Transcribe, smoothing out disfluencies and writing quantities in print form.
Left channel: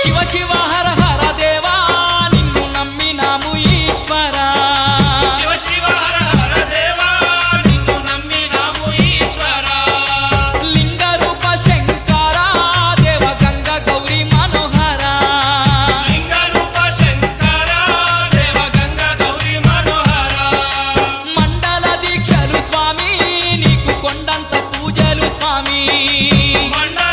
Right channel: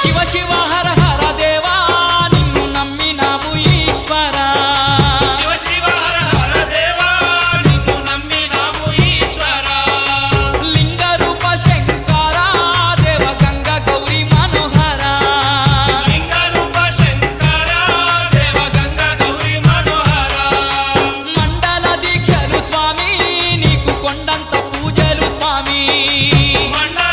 శివ శివ హర హర దేవా నిన్ను నమ్మినాము ఈశ్వరా శివ శివ హర హర దేవా నిన్ను నమ్మినాము ఈశ్వరా లింగ రూప శంకరా దేవ గంగ గౌరీ మనోహరా లింగ రూప శంకరా దేవ గంగ గౌరీ మనోహరా మండల దీక్షలు స్వామి నీకు కొండంత పూజలు స్వామి మండల